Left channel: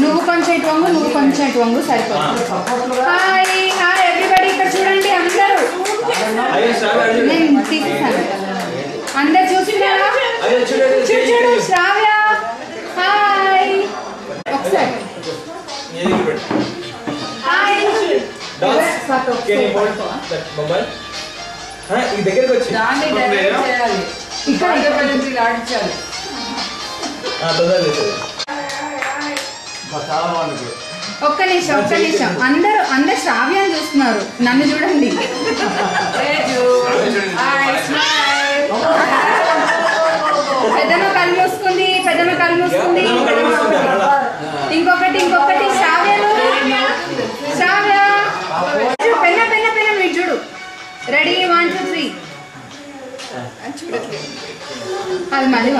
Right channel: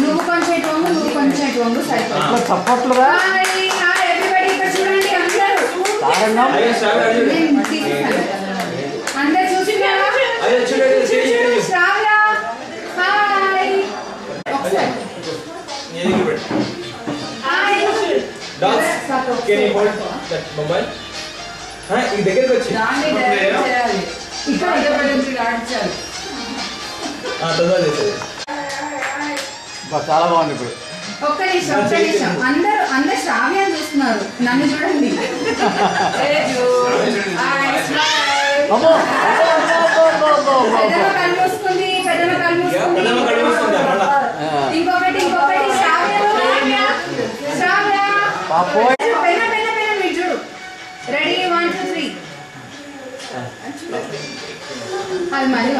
నువ్వు కొంచెం ఇటు వంగు, నువ్వు కొంచెం ఇటు వంగు, సరిపోతుంది. హాయ్ ఎవ్రీబడి, ఇక్కడ చూడండి అందరూ. నేను తీసేసాను. అందరు చూసినారా? శ్రావ్య హాయ్ ఒకసారి హాయ్. ఈ దగ్గరికి వచ్చి చాలా బాగుంది. ఒక్క నిమిషం అందరు శ్రావ్యాన్ని చూస్తున్నారు, నన్ను చూడండి. పెద్దమ్మ కళ్ళు మూసుకుంది, పెద్దమ్మ కళ్ళు మూసుకుంది. ఇంకొకటి శ్రావ్య పెన్న మీరు చూడు. రెడీ 1 2 3. అది మళ్ళీ